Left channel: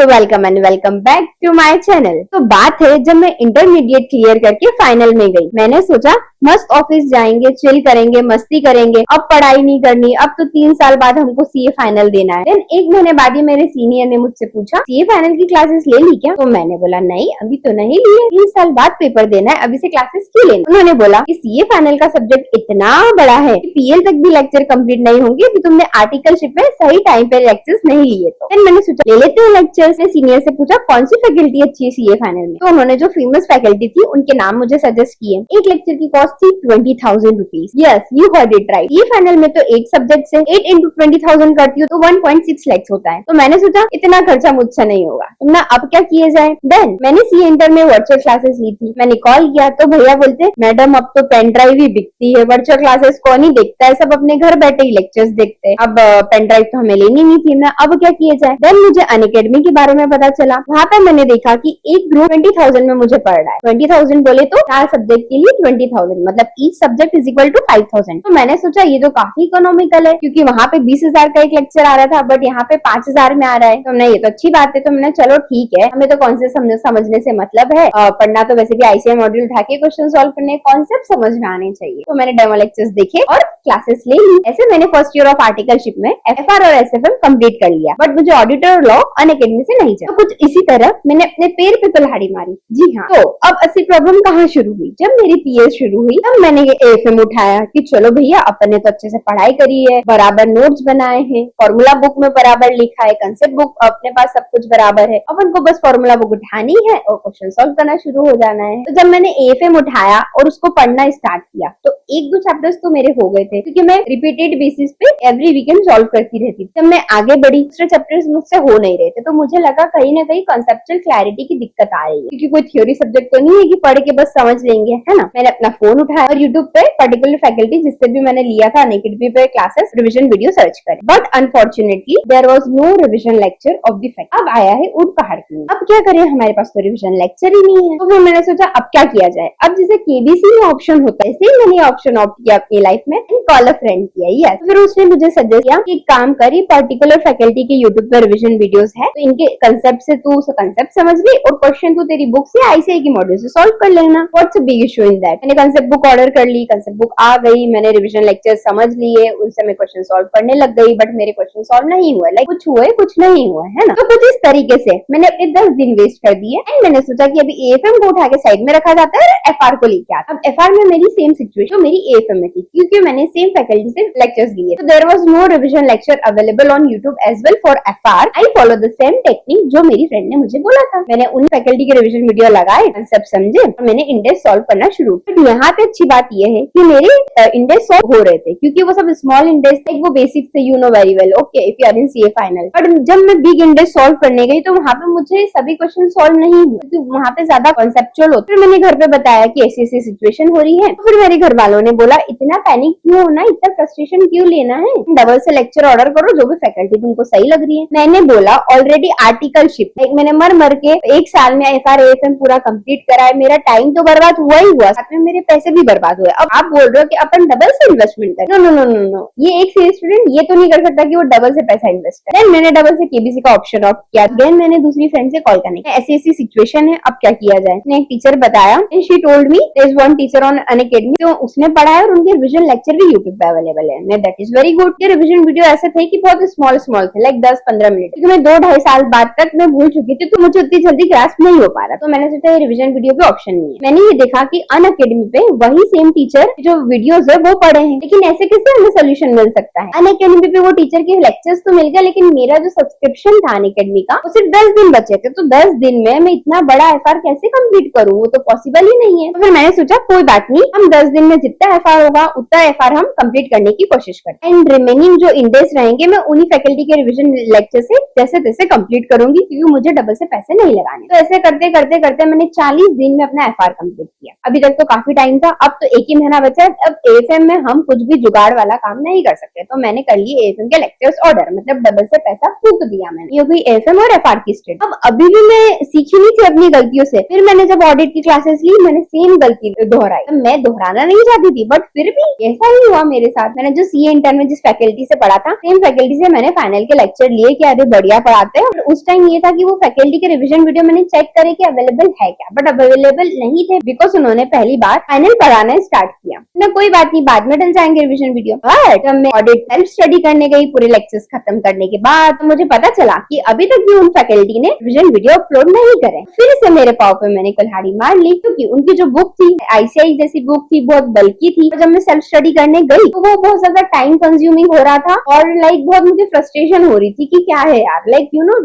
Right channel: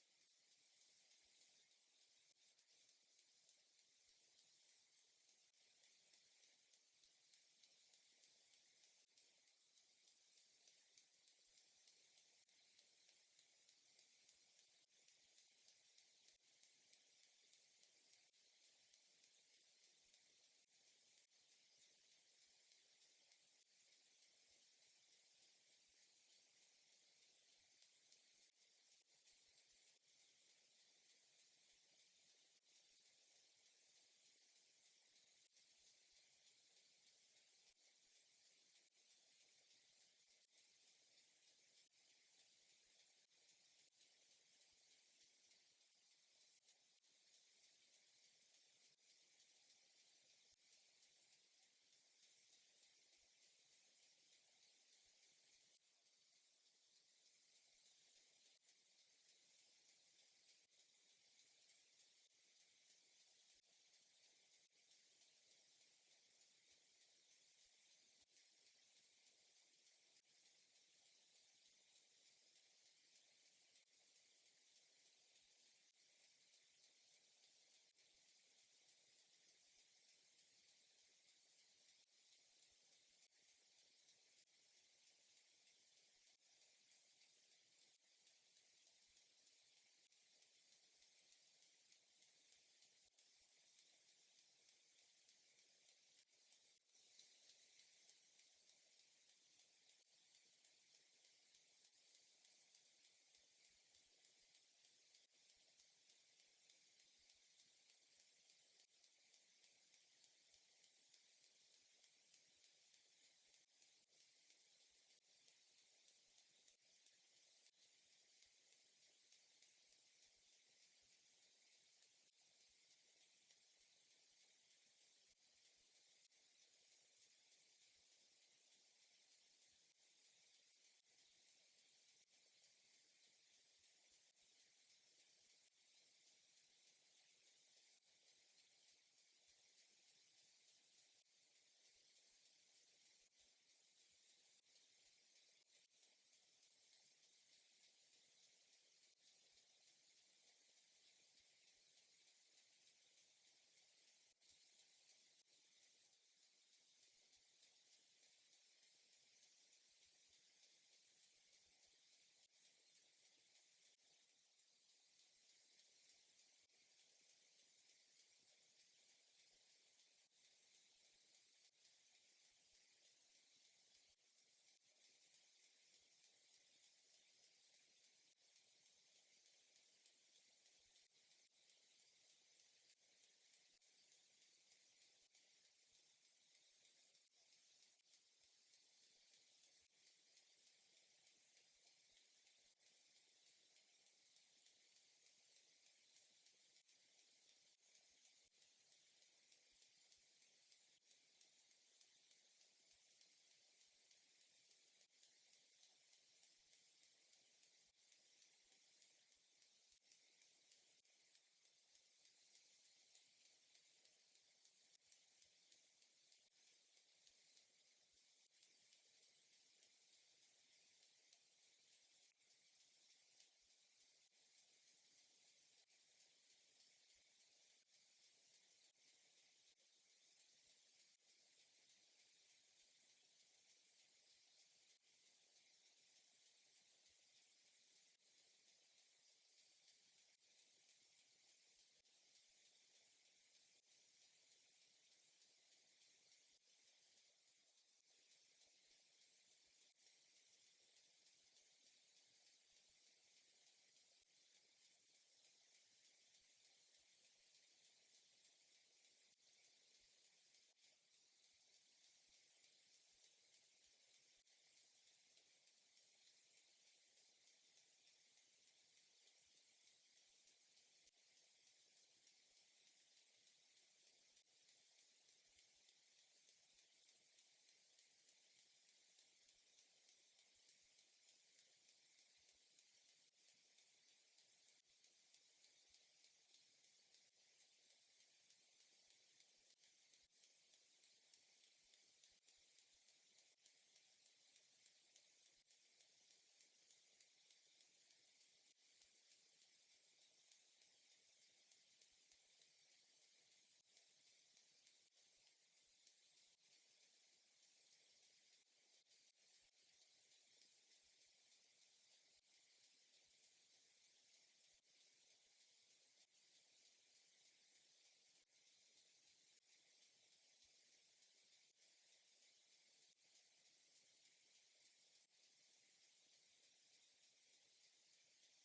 तो welcome and welcome back to my channel. तो बात है जब मैं इंटरमीडिएट क्लियर करके फाइनल में गई, मैंने सोचा मस्त ऑफिस जाएंगे, चिल करेंगे, मस्ती करेंगे, अब पढ़ाई नहीं करनी। अब तो 3 साल बाद हमको सीए फाइनल देना है। देन 1 महीने बाद ही मेरे सीनियर ने मुझसे पूछा सीए फाइनल की क्लासेस ले ली क्या? तो मैंने बोला नहीं, अभी तो नहीं लिए, 3 साल बाद पेपर देना है, अभी से क्लासेस क्यों लेना? उन्होंने बोला कि सीए फाइनल का सब्जेक्ट इतना बड़ा है कि पीएल तक भी लेक्चर कंप्लीट नहीं होंगे अभी तुमने आर्टिकलशिप में सही टाइम पे लेक्चर्स नहीं लिए। तो देन मैंने सोचा ले लेते हैं लेक्चर्स। सीनियर से पूछा कौन सी फैकल्टी अच्छी है सीए फाइनल में, तो उन्होंने जो फेमस फैकल्टी थी उनके नाम मुझे सजेस्ट किए। एक लेक्चर की कॉस्ट थी 20,000 rupees. Yes, you heard it right. ये फाइनल में तो एक सब्जेक्ट से 8 इंटू 20,000 करती हो तो 1.6 लाख होता है। तो मैंने सोचा इतना खर्चा मुझसे नहीं होगा, तो ना अब क्या किए जाए। देन मैंने सी इंटर में वर्चुअल क्लासेस ली थी। मैंने कॉल किया तो भैया बोलते मैडम अब तो पेन ड्राइव ही बिकती है, वर्चुअल क्लासेस कौन ही देखता है, सब अपने घर बैठे ही लेक्चर्स देखते हैं। अब पेन ड्राइव तो हमें लेनी नहीं थी ना, अब क्या किया जाए। देन मुझे अनअकैडमी के बारे में पता चला। वहाँ पे मैंने देखा कि एक ग्रुप 20,000 में मुझे पड़ रहा है। 20,000 बोले तो 4 सब्जेक्ट के लिए 20,000, मतलब each subject is equal to 5,000। तो मैंने सोचा ये तो काफी इकोनॉमिकल है, क्योंकि वहाँ पे 20,000 का एक लेक्चर आ रहा था, बट यहाँ पे 5,000 में आ रहा है। तो हमने ये तो अच्छी बात है। तो मैंने चलो ठीक है, हमें तो कॉन्सेप्ट समझने से मतलब है, पढ़ना तो वैसे भी आईसीआई मॉड्यूल उठा के क्वेश्चन सॉल्व करने, कॉन्सेप्ट समझ में आने चाहिए। तो मैंने डेमो लेक्चर्स देखे और क्लासेस ले ली। ऐसे मैंने फर्स्ट ईयर ऑफ आर्टिकलशिप में एफआर और एसएफएम कंप्लीट कर लिया, बट मुझे ऑडिटर और लॉ अनअकैडमी से नहीं चला। तो कुछ इसी तरह मैंने अपने पैर पे कुल्हाड़ी मारी। जी हाँ। तो अब असली प्रॉब्लम कहाँ शुरू हुई? जब मेरी पीएस शुरू हुई तब मैंने ये एएफएम उठाया कि चलो भैया अपन ने तो अच्छे से पढ़ाई करी है, बराबर नोट्स बनाए हैं, फॉर्मूला बुक में बराबर लिखा है, कंसेप्ट बुक अपने पास सब कुछ बराबर है, अपन को बस फॉर्मूला बुक उठानी है और क्वेश्चन सॉल्व करना शुरू हो जाना है। तो जब मैंने एएफएम उठाया और उसको पढ़ना स्टार्ट किया तो 1-2 चैप्टर्स तो मेरे हो गए थे, क्योंकि मैं रिपीटेड बेसिस पे एवरी वीकेंड सॉल्व करती रहती थी। जब मैं आगे बढ़ी दूसरे चैप्टर्स मुझसे हो नहीं रहे थे, तो मुझे लगा कहीं ना कहीं कॉन्सेप्चुअल क्लैरिटी की दिक्कत आ रही है, क्योंकि कोई थ्योरी सब्जेक्ट तो नहीं है कि पढ़ के बस समझ लेंगे, है ना। मैंने अपना फोन उठाया और यूट्यूब पे पर्टिकुलर फैकल्टी जिससे भी मैंने लिया था अनअकैडमी पे क्लासेस रिविजन वीडियो सर्च करे, but unfortunately there was no revision lecture of the fact. अब आया है ऊंट पहाड़ की। अब क्या करें, हमारे पास तो रिविजन लेक्चर ही नहीं है। तो फिर मैंने सोचा अब क्या किया जाए। अब जैसे केबीसी में ऑप्शन होता है, ऐसे ही मैंने ऑप्शन ऑप्ट किया अपनी लाइफ में, कॉल अ फ्रेंड किया। यस, फिर उसने मुझे सजेस्ट किया कि काम करी, पर्टिकुलर फैकल्टी के यूट्यूब पर रिविजन वीडियोस है, तो इनके कंसेप्ट से तू कंसेप्ट समझ ले और क्वेश्चन तू तेरी बुक से आईसीआई की मॉड्यूल से सॉल्व कर लेना। What's a big issue in that. मैंने कंसेप्ट बुक ऑर्डर कर ली, कंसेप्ट बुक आ गई, मैंने रिविजन लेक्चर समझ लिए, उनसे मैं क्वेश्चन सॉल्व करने लग गई, बट मेरे क्वेश्चन सॉल्व नहीं हुए। लाइक कुछ हुए कुछ नहीं हुए, है ना। तो कुछ इस तरीके से मैंने अपने 10 दिन वेस्ट कर दिए। एंड मैंने सोचा कि अभी एएफएम को उठा के साइड में रखा जाता है, एफआर को लेके आता। अब एफआर में मेरी सेम सिचुएशन मेरी एएफएम में थी, क्योंकि मैंने सेम फैकल्टी से लेक्चर्स लिए। तो there was no revision lecture available on YouTube as well for FR. I follow the same technique जो मेरी फ्रेंड ने मुझे बोला था। मैंने उन फैकल्टी के रिविजन वीडियो लगाए, कंसेप्ट समझे और मैंने इंडेक्स सॉल्व करना शुरू किया। यहाँ पे अच्छी बात यह है कि मेरे इंडेक्स सॉल्व हो रहे थे, क्योंकि वो सब स्मॉल इंडेक्स थे, वो बेसिक थे, you know very well, okay, if you are in CA final. बट जब मैं बिग इंडेक्स सॉल्व करने गई तो वहाँ पे मुझे सभी क्वेश्चन सॉल्व नहीं हुए, क्योंकि वहाँ पे ज्यादा कॉन्सेप्चुअल होते। फिर मैंने घर पे बताया कि ऐसी ऐसी सिचुएशन हो रही है। तो फिर मेरे घर वालों ने बोला इतना पैनिक क्यों होना, इतना फ्रस्ट्रेशन क्यों लेना है, डबल से लेक्चर ऑर्डर करो, जो भी फैकल्टी तुमको सही लग रही है। मैंने बोला ऑलरेडी आर्टिकलशिप मैंने मर के 1 साल में एफआर एएफएम पूरा कंप्लीट करा है, मेरा टाइम तो बर्बाद हुआ ही हुआ, साथ में मेरे पैसे भी बर्बाद हुए। अब आप बोल रहे हो कि अपन डबल से इन्वेस्टमेंट करें। No no no no no, ये एक सीए स्टूडेंट ये तो नहीं कर सकता कि वो डबल से पैसा इन्वेस्ट करे। देन मैंने डबल से केबीसी का ऑप्शन ऑप्ट किया। देन मैंने दूसरी फ्रेंड से कॉल करने, ऐसी ऐसी सिचुएशन है, अब क्या किया जाए। मैंने एक टीचर बताया, she told me there is one teacher on Unacademy, तो उसने पढ़ाया और उनके रिविजन लेक्चर भी यूट्यूब पे अवेलेबल है। That is very good. ये रिविजन वीडियो ऐसे थे कि बहुत स्मॉल स्मॉल थे, लाइक 10-15 मिनट, क्योंकि मैं 2-2.5 साल बाद तक मैं भूल चुकी थी, तो मुझे उतनी जल्दी ग्रास्प नहीं हो पा रहा। तो मैंने सोचा ये रिविजन वीडियो पे ऑप्शन नहीं है। मैंने ये देखा कि अनअकैडमी पे वही सेम टीचर जो वीडियोस है वो पढ़े हैं, लेकिन ऐसे कैसे हमें सोल्यूशन मिल सकता है। अनअकैडमी पे वो टीचर के लेक्चर्स तो मिल गए, लेकिन मेरा जो सब्सक्रिप्शन था अनअकैडमी का वो सिर्फ 10 दिन बचे थे। तो 10 दिन में मैं इतना बड़ा एफआर कैसे कंप्लीट करूँ, वो तो पॉसिबल ही नहीं है। तो फिर मैंने सोचा कोई बात नहीं, हम 10 दिन में जितना एफआर होगा उतना एफआर हम कंप्लीट करने की कोशिश करें। एंड रिमेनिंग जो इंडेक्स रहेंगे मैं उन्हीं फैकल्टी के रिविजन लेक्चर से जैसे तैसे कंप्लीट करूंगी, क्योंकि मुझे डबल से पैसे नहीं लगाने। तो ऐसे करते करते करते मैंने 40 दिन में अपना एफआर कंप्लीट किया। अभी तक तो काफी टाइम था, अब तो 1 ही महीना बचा है। अब एएफएम में हम कुछ भी जुगाड़ वाला काम नहीं कर सकते, तो मैंने कर लिए एएफएम के लेक्चर्स ऑर्डर, मतलब डबल से पैसा फूक दिया मैंने। ये हुई एएफएम और एफआर की स्टेट। अब अभी भी मैं सीखी नहीं थी अपनी गलतियों से। फिर मैंने जब ऑडिट की क्लासेस ली, मैंने सेम गलती दोहराई। मैं दोहराना नहीं चाहती थी, बट फिर भी ऐसा ही हुआ मेरे साथ। मैंने जो सीए इंटर में जिस फैकल्टी से पढ़ा था, सेम फैकल्टी से मैंने फाइनल के लेक्चर लिए कि अरे बढ़िया पढ़ाते हैं, उस टाइम ये था कि वो फैकल्टी के रिविजन वीडियो मैंने चेक करे कि अवेलेबल है क्या, बट अवेलेबल नहीं थे बिकॉज उन्होंने पहली बार फाइनल पढ़ाना स्टार्ट किया ना। कोई बात नहीं, बाद में डल जाएंगे रिविजन वीडियो। बट जब मैं ऑडिट सेल्फ स्टडी करने गई पूरे लेक्चर्स खत्म करने के बाद, तो मुझे पता चला कि अभी तक भी उन फैकल्टी ने रिविजन वीडियो अपलोड नहीं करे। फिर से मेरे पाव पे मैंने कुल्हाड़ी मार ली, क्योंकि उनकी जो बुक थी आईसीआई जैसी बुक थी, बहुत बल्कि थी। जब मैं सेल्फ स्टडी करने गई तो वो बहुत ज्यादा टाइम कंज्यूमिंग हो रहा था और बहुत मुझे फ्रस्ट्रेशन हो रही थी कि क्या है यार,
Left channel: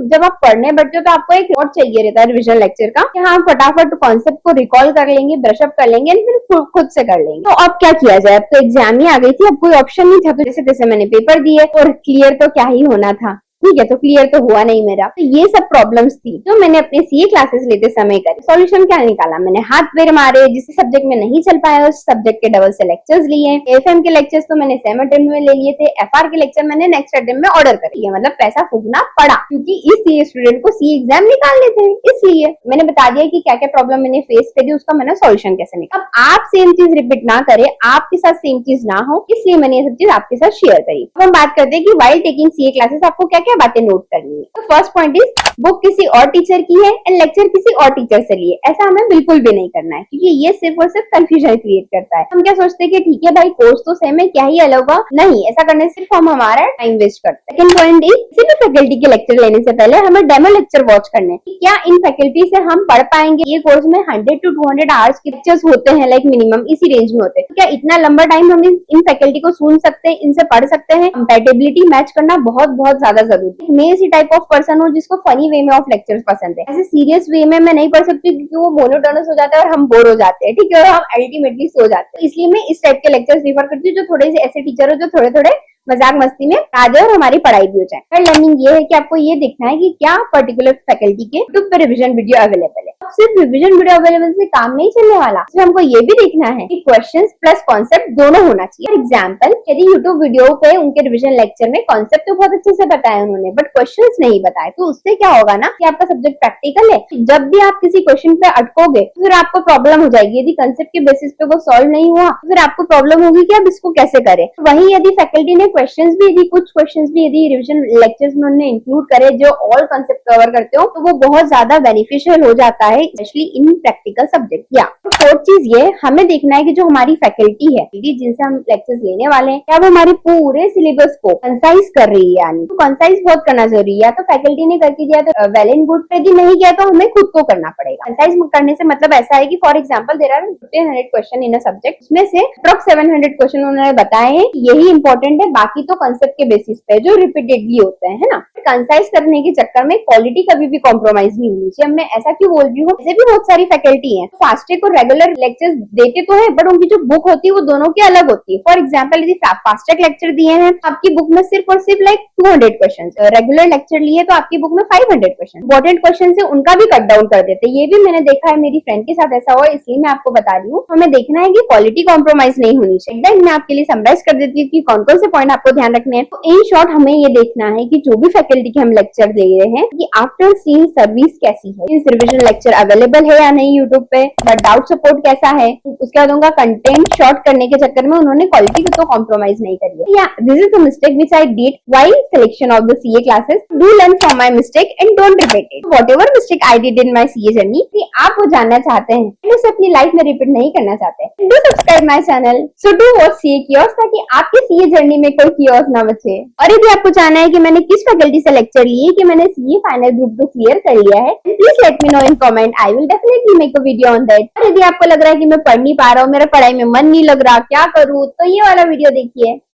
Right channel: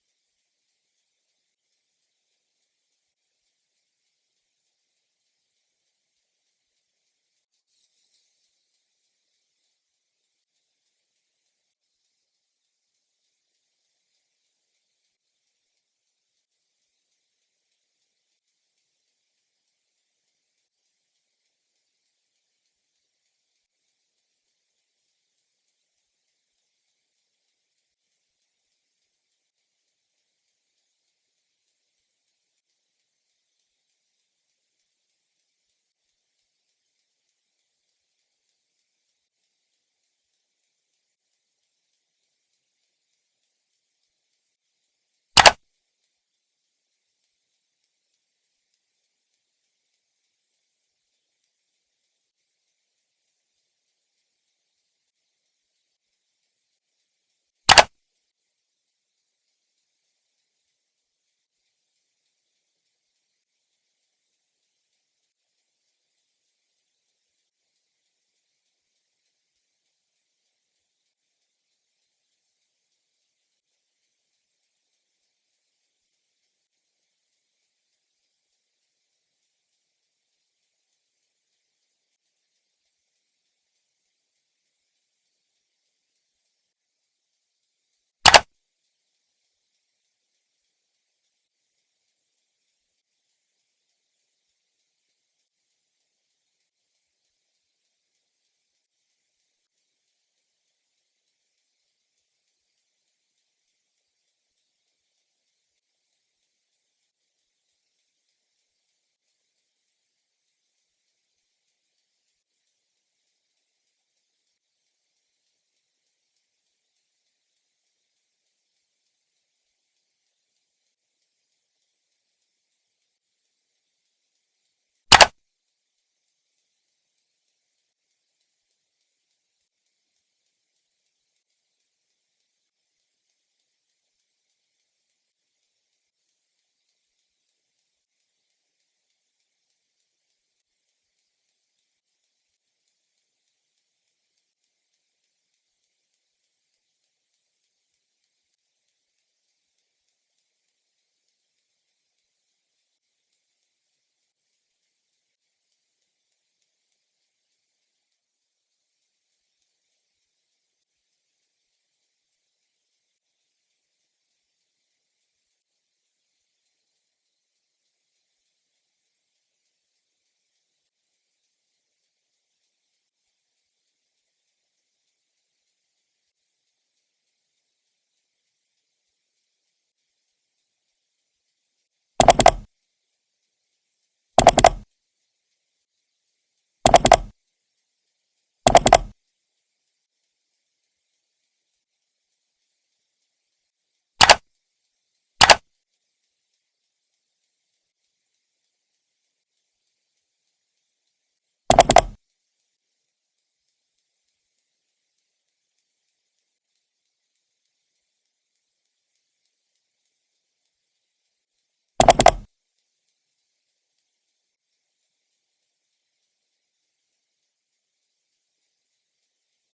जब आप पढ़ने बैठते हो तो आपको एक नोट चाहिए रहता है रिविजन लेक्चर का कि हाँ फटाफट कॉन्सेप्ट को रिकॉल कर लेंगे, ब्रशअप कर लेंगे, फिर खुद से कर लेंगे। तो अब क्या किया जाए, अब तो एग्जाम ही आ गई थी, अब कोई ऑप्शन नहीं था। तो जैसे तैसे मैंने पेपर दिए और क्लियर तो क्या ही होना था, ठीक है, तो क्लियर तो हुआ नहीं मेरा। तो ये सब प्रॉब्लम्स थी जो मैंने अपने सीए क्लासेस लेते समय करी। सॉल्यूशन क्या निकाला, मैंने हाथ पैर मारे, जिस सब्जेक्ट में नहीं चल पाया उस सब्जेक्ट के डबल से लेक्चर्स लिए। एफएम के लेक्चर्स तो मैंने सेम अटेम्प्ट में ले लिए थे, एफआर के लेक्चर मैंने नेक्स्ट अटेम्प्ट में ऑर्डर कर लिया। मतलब पैसा फूकना पड़ा, क्योंकि इस सीए स्टूडेंट को सीए एग्जाम निकालने थे, इसलिए मैंने बता दिया कि क्या क्या प्रॉब्लम मैंने फेस करी, उसका मैंने सॉल्यूशन कैसे निकाला। अब आप सेम चीज रिपीट ना करे, आपके साथ सेम चीज ना हो, इसलिए मैंने ये सब चीज आपके साथ शेयर करी। अब हम बात करते हैं कि व्हाइल टेकिंग सीए क्लासेस आपको क्या क्या बातें नोट करनी है। तो फर्स्ट पॉइंट इज बुक किसी और टीचर की है एंड लेक्चर किसी और टीचर से लिए, ऐसा हमें बिल्कुल भी नहीं करना है, क्योंकि ये सिर्फ और सिर्फ कंफ्यूजन क्रिएट करता है। हम क्या सोचते हैं कि ठीक है भाई कोर्स तो सेम है, क्या ही अलग होगा, नहीं, ऐसा करने से सिर्फ हम हमारा टाइम वेस्ट करते हैं। सेकंड पॉइंट इज किसी भी फैकल्टी के लेक्चर लेने से पहले हमें डेमो लेक्चर वॉच करने हैं कि क्या इन फैकल्टी से हम पढ़ पाएंगे। ये कोर्स में 100 to 200 आवर्स के लेक्चर्स होते हैं, लाइक मिनिमम इसी रेंज में होते हैं। तो क्या इतना लंबा टाइम हम इन फैकल्टी को सुन सकते हैं, इनसे पढ़ सकते हैं। कंपैटिबिलिटी मैच करना बहुत बहुत ज्यादा जरूरी है। मैं इसी टाइप ऑफ पर्सन हूँ जिसको फनी वे में ऑफ लेक्चर्स पसंद है। ऐसे सीरियस वे में मैं नहीं पढ़ सकती क्योंकि वो मोनोटोनस हो जाता है और हम बोर हो जाते हैं, ठीक है, और हम अल्टीमेटली सो जाते हैं। इसलिए मैं इस टाइप के लेक्चर्स प्रीफर करती हूँ जो थोड़े से ऐसे टीचर हो जो थोड़े थोड़े मजाक मस्ती में आ जाए और हमारी पढ़ाई भी हो जाए। थर्ड लर्निंग ये है कि आपको ये देखना है कि क्या पर्टिकुलर फैकल्टी के यूट्यूब पर रिविजन वीडियो अवेलेबल है। अब सिर्फ रिविजन वीडियो अवेलेबल से काम नहीं चलने वाला, इसमें हमको ये भी देखना है कि क्वेश्चंस प्लस कॉन्सेप्ट दोनों होना चाहिए। फॉर एग्जाम्पल, यदि यूट्यूब वीडियो पे उनके रिविजन लेक्चर में कॉन्सेप्ट तो बहुत अच्छे से बताया उन्होंने, बट क्वेश्चंस नहीं बताए, तो उससे क्या होगा ना कि आपका सब्जेक्ट प्रैक्टिकल है, जब भी आप किसी क्वेश्चन पे अटकोगे तो फिर आपको प्रॉब्लम हो जाएगी। यदि कंसेप्ट के बेसिस पे वो सॉल्व नहीं हुआ तो फिर आपको प्रॉब्लम होगी कि आप इसको कैसे करें। वहीं यदि फैकल्टी ने क्वेश्चंस भी कुछ क्वेश्चंस भी यदि रिवीजन लेक्चर्स में उन्होंने इंक्लूड करे जो ऑल कंसेप्ट कवर करते हो, तो वो बहुत ज्यादा बेनिफिशियल हो जाता है, स्पेशली इन प्रैक्टिकल सब्जेक्ट। या फोर्थ चीज ये हमें देखना है कि जो हमारी फैकल्टी है जिनसे हम लेक्चर्स लेने वाले हैं, क्या वो हमारे पूरे सिलेबस को कंसाइज कर रही है। यानी तो कंसाइज बहुत करना जरूरी है। या तो फैकल्टी ने करके दिया तो वेल एंड गुड, यदि नहीं किया तो हमें खुद को करना पड़ेगा। कंसाइज करने से मतलब ऐसा है कि for example there are 1500 question in a subject, उसमें से अप्रॉक्स 700 क्वेश्चन उन्होंने बताए हैं, यही इंपॉर्टेंट है, बाकी तो कंसेप्ट के बेसिस पे जो रिपीटेडली होते हैं, है ना। कंसाइज करने के चक्कर में क्वालिटी कभी भी कॉम्प्रोमाइज नहीं होनी चाहिए। मैं ऐसा क्यों बोल रही हूँ, ऐसे भी बहुत सारी फैकल्टी है फास्टेक और रेगुलर लेक्चर्स देते तो है, बट उनकी जो बुक होती है वो दोनों की अलग होती है। फॉर एग्जाम्पल, यदि फास्टेक लेक्चर दिए हैं आपकी बुक में सिर्फ और सिर्फ लाइक 200 क्वेश्चन, रेगुलर लेक्चर लिए तो आपकी बुक में 500 क्वेश्चन। इंपॉर्टेंट क्वेश्चन से उनका भी कट डाउन कर देते, ये भी मैंने देखा है, मेरी फ्रेंड के साथ ऐसा हुआ, इसलिए मैं आपको बता रही हूँ। हमें देखना है कि क्वालिटी कॉम्प्रोमाइज नहीं होनी चाहिए। मैं आपके लिए समराइज कर देती हूँ कि कौन कौन से पॉइंट आपको ध्यान रखने हैं। तो इन शॉर्ट हमें ये देखना है कि जो भी फैकल्टी के हम लेक्चर दे रहे हैं कि आफ्टर सीइंग सर्विस कैसी है, इस रिविजन लेक्चर अवेलेबल है या नहीं यूट्यूब पे, डाउट सपोर्ट कैसा है, उसके बाद उनका कंटेंट शॉर्ट करने के चक्कर में उन्होंने क्वालिटी को तो कॉम्प्रोमाइज नहीं करी है। या this is the mistake which I did while selection of the CA classes. Do learn from my mistake and don't repeat it. Whatever mistake I did in my CA journey, कि आप वो जानना चाहते हैं एंड उसे अपनी life में repeat नहीं करना चाहते, do subscribe my channel, so do watch CA kiosk, ताकि आपके सीए जर्नी में कोई कियोस्क ना बचे। और यदि आपको जानना है कि मैंने किस फैकल्टी से लेक्चर लिए, कि मैंने सीए फाइनल ग्रुप 2 क्लियर कर लिया है, please let me know in comment, I will definitely make a video on that. और यदि आपको लग रहा है कि मैं पढ़ नहीं पा रहा हूँ, मेरा पढ़ाई में मन नहीं लग रहा, क्या करूँ, तो ये वाला वीडियो देखिए।